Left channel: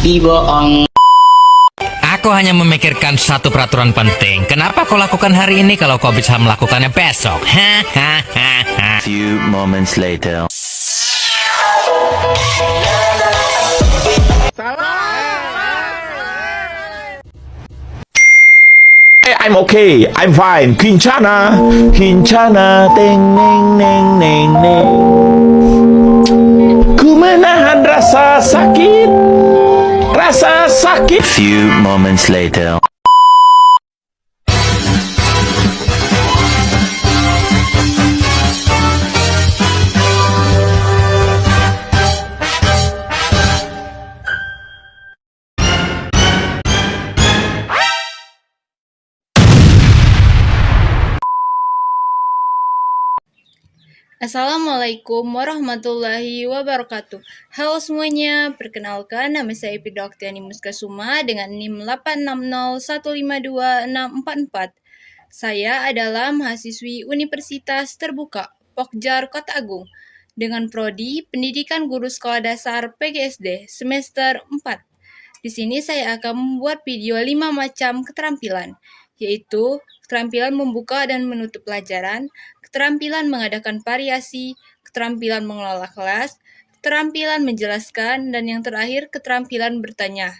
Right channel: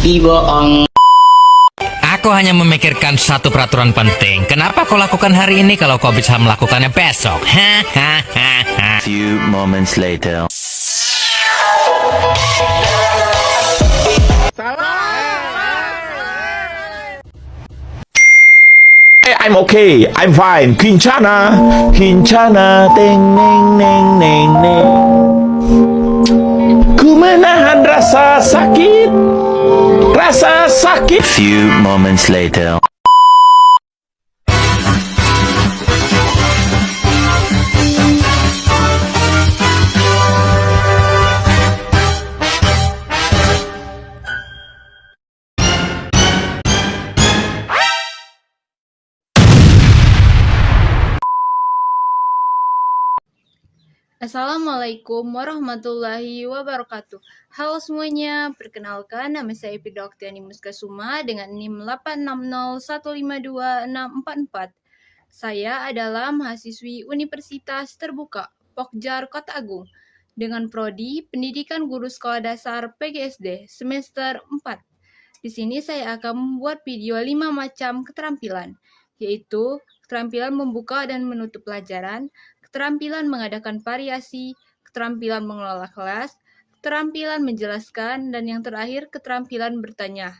Dibohong. Aku hanya memikirkan satu peraturan penting. Kenapa kau lakukan hari ini kalau kau bisa melakukannya besok? Hahaha. Few moments later. I'm okay, I'm fine. Kincana, Kincana, teng neng neng neng neng. Ku menahan rasa sakit, rasa sakit. Few moments later. Assalamualaikum warahmatullahi wabarakatuh. Halo semuanya, perkenalkan nama saya Epida Oktiani Muskasuma dengan NIM 860152644. Saya adalah mahasiswi Universitas Terbuka Pokjar Kota Agung dengan prodi Pendidikan Guru Sekolah Dasar PGSD semester 4. Di sini saya akan membuat video 5 macam keterampilan, yaitu keterampilan membuka dan menutup pelajaran, keterampilan mengadakan variasi, keterampilan mengelola kelas, keterampilan menjelaskan, dan yang terakhir keterampilan bertanya.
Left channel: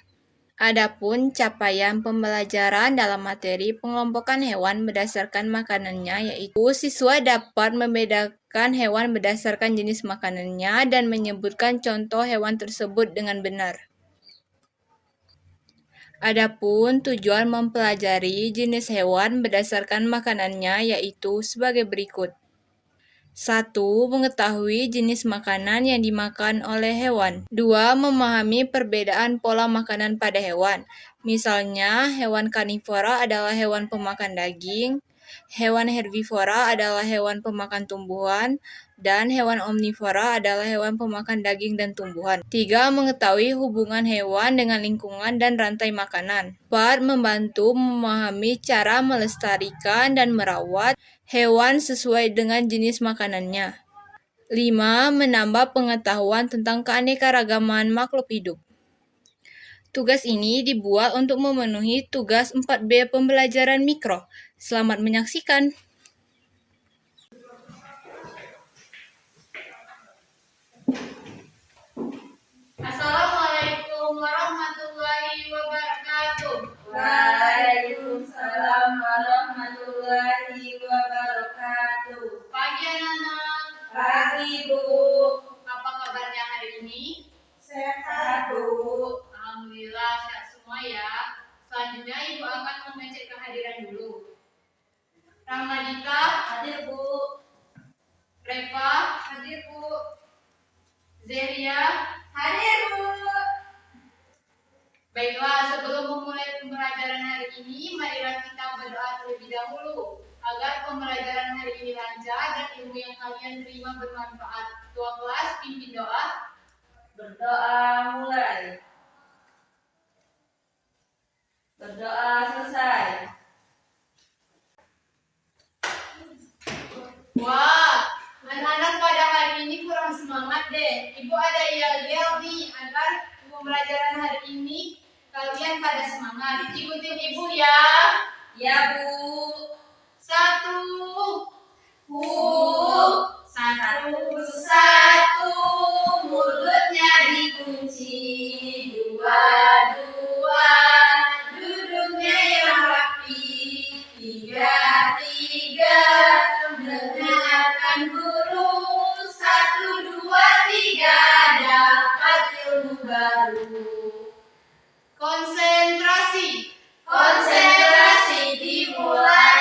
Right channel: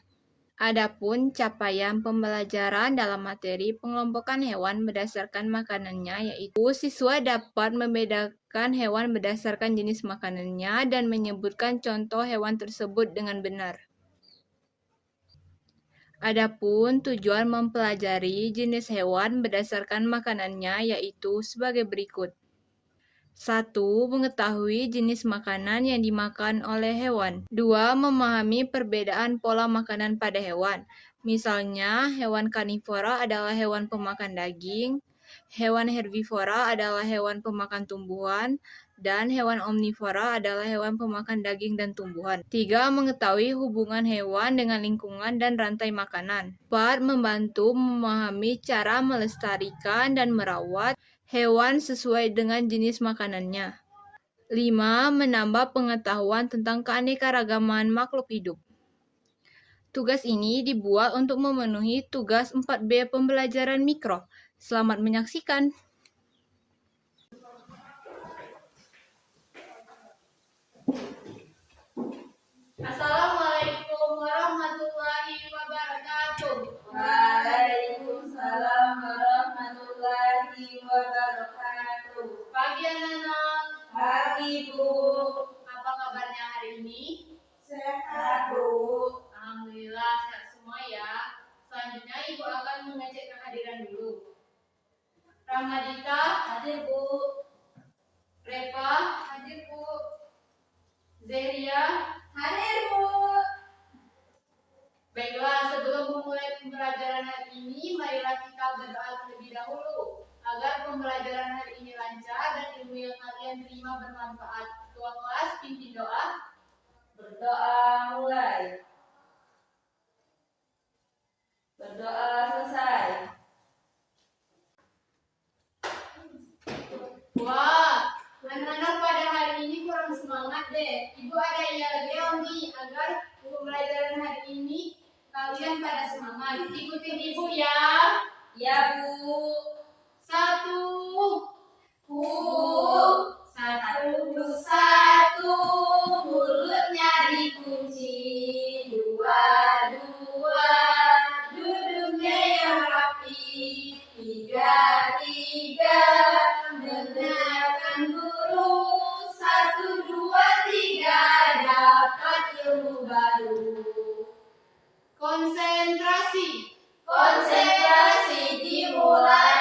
Adapun capaian pembelajaran dalam materi pengelompokan hewan berdasarkan makanannya, yaitu siswa dapat membedakan hewan berdasarkan jenis makanannya dan menyebutkan contoh hewan tersebut dengan benar. Adapun tujuan mempelajari jenis hewan berdasarkan makanannya yaitu sebagai berikut. 1. Mengetahui jenis makanan yang dimakan oleh hewan. 2. Memahami perbedaan pola makanan pada hewan. Misalnya, hewan karnivora adalah hewan pemakan daging, hewan herbivora adalah hewan pemakan tumbuhan, dan hewan omnivora adalah hewan pemakan daging dan tumbuhan. 3. Mengetahui hubungan hewan dengan lingkungan dan rantai makanan. 4. Membantu memahami cara melestarikan dan merawat hewan sesuai dengan jenis makanannya. 5. Menambah pengetahuan tentang keanekaragaman makhluk hidup. Tugas ini dibuat untuk memenuhi tugas 4B pembelajaran mikro. Selamat menyaksikan. Assalamualaikum warahmatullahi wabarakatuh. Waalaikumsalam warahmatullahi wabarakatuh. Pagi anak-anak, Pagi Bu, apa kabarnya hari ini? sehat Bu. Alhamdulillah sehat semua ya. Selanjutnya Ibu akan mengecek kehadiran dulu. Ramadita, Hadir Bu. Reva, hadir Bu. Zelia, Hadir Bu. baiklah, sebelum memulai pembelajaran hari ini, marilah kita berdoa terlebih dahulu agar pembelajaran hari ini lancar dan ilmu yang kalian terima bermanfaat. Ketua kelas, pimpin doa. Berdoa mulai. Berdoa selesai. Wah, anak-anak pada hari ini kurang semangat deh. Ibu ada yel-yel nih agar pembelajaran hari ini kalian pada semangat. Ikutin ibu ya. Ya Bu. 1. Bu. Satu. Satu, mulutnya dikunci. Dua, duduknya yang rapi. Tiga, dengarkan guru. 1, 2, 3, dapat ilmu baru. Konsentrasi. Konsentrasi dimulai.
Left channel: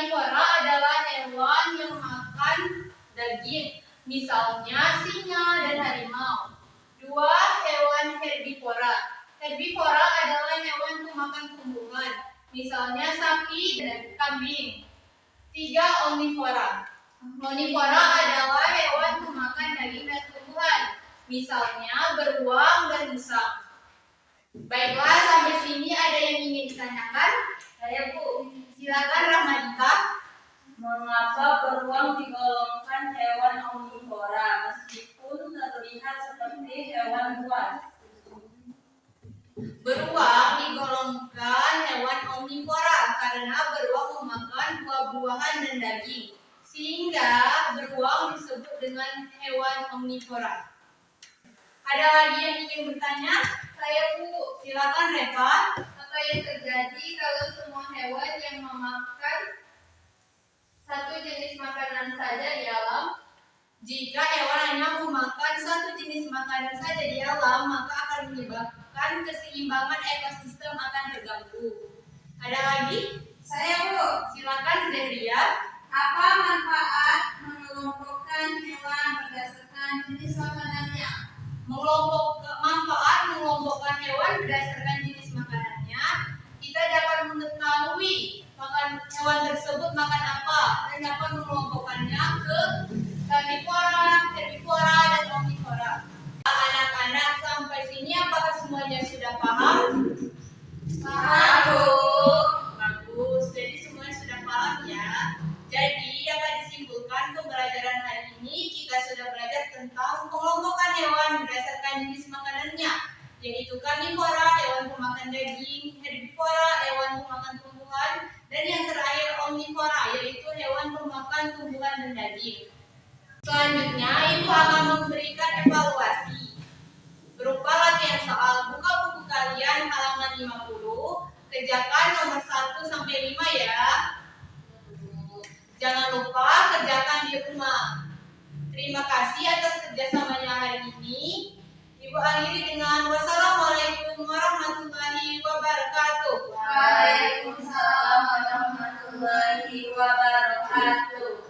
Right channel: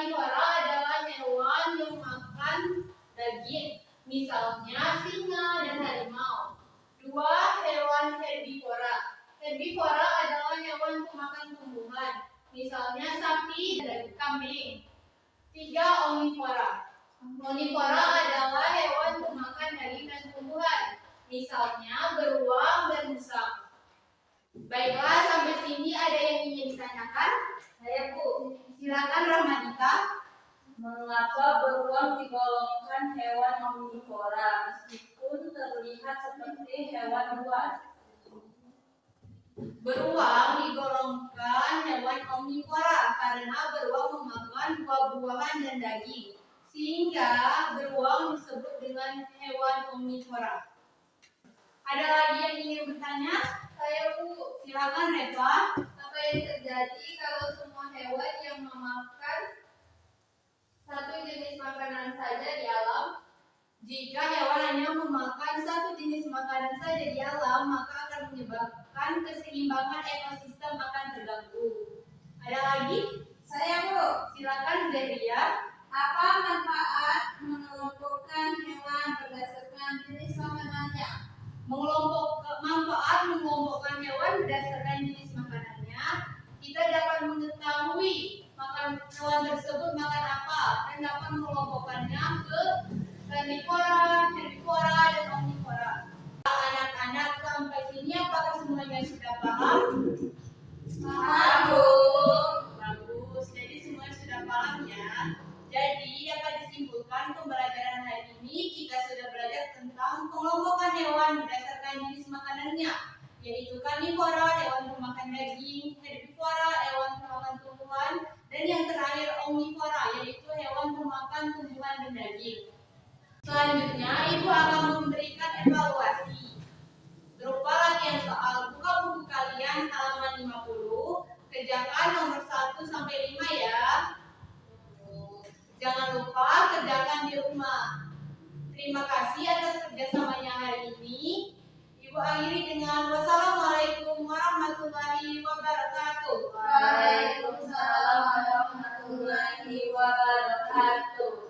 karnivora adalah hewan yang makan daging, misalnya singa dan harimau. 2. Hewan herbivora. Herbivora adalah hewan pemakan tumbuhan, misalnya sapi dan kambing. 3. Omnivora. Omnivora adalah hewan pemakan daging dan tumbuhan, misalnya beruang dan musang. Baiklah, sampai sini ada yang ingin ditanyakan? Saya, Bu. Silakan Rahmadika. Mengapa beruang digolongkan hewan omnivora meskipun terlihat seperti hewan buas? Beruang digolongkan hewan omnivora karena beruang memakan buah-buahan dan daging, sehingga beruang disebut dengan hewan omnivora. Ada lagi yang ingin bertanya? Saya, Bu. Silakan Reva. Apa yang terjadi kalau semua hewan yang memakan satu jenis makanan saja di alam? Jika hewan hanya memakan satu jenis makanan saja di alam, maka akan menyebabkan keseimbangan ekosistem akan terganggu. Ada lagi? Saya, Bu. Silakan Zehria. Apa manfaat mengelompokkan hewan berdasarkan jenis makanannya? Manfaat mengelompokkan hewan berdasarkan jenis makanannya, kita dapat mengetahui hewan tersebut makan apa dan dapat mengelompokkannya ke karnivora, herbivora, dan omnivora. Anak-anak, sampai sini apakah semuanya sudah paham? Paham, Bu. Bagus, jadi semuanya sudah paham ya. Jadi dapat disimpulkan pembelajaran hari ini kita sudah belajar tentang pengelompokan hewan berdasarkan jenis makanannya, yaitu karnivora, hewan pemakan daging, herbivora, hewan pemakan tumbuhan, dan yang terakhir omnivora, yaitu hewan pemakan tumbuhan dan daging. Selanjutnya, Ibu akan memberikan evaluasi berupa latihan soal. Buka buku kalian halaman 50, kerjakan nomor 1 sampai 5 ya. Jangan lupa kerjakan di rumah. Terima kasih atas kerjasamanya hari ini. Ibu akhiri dengan wassalamualaikum warahmatullahi wabarakatuh. Waalaikumsalam warahmatullahi wabarakatuh.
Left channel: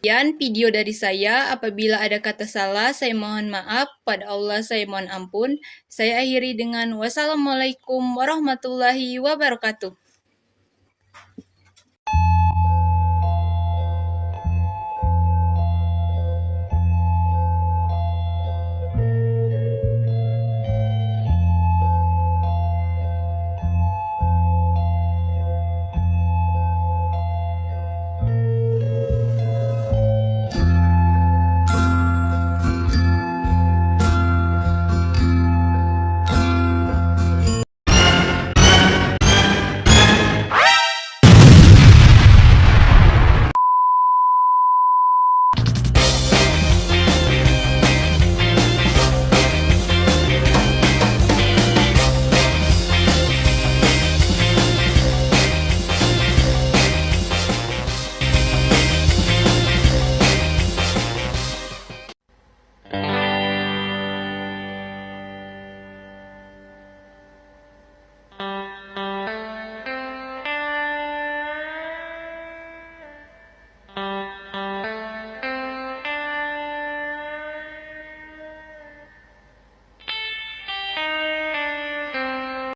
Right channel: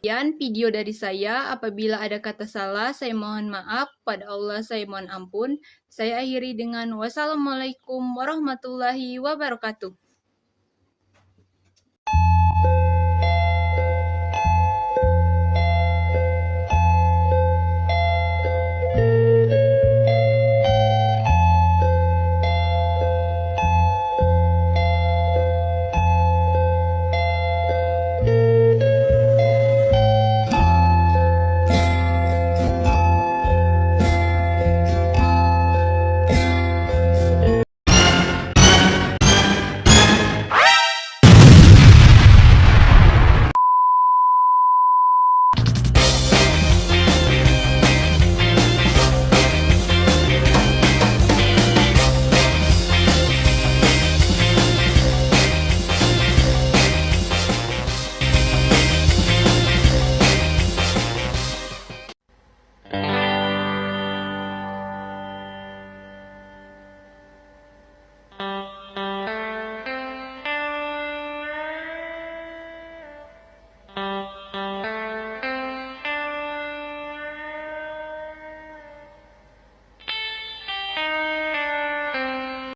Sekian video dari saya. Apabila ada kata salah, saya mohon maaf. Pada Allah saya mohon ampun. Saya akhiri dengan wassalamualaikum warahmatullahi wabarakatuh.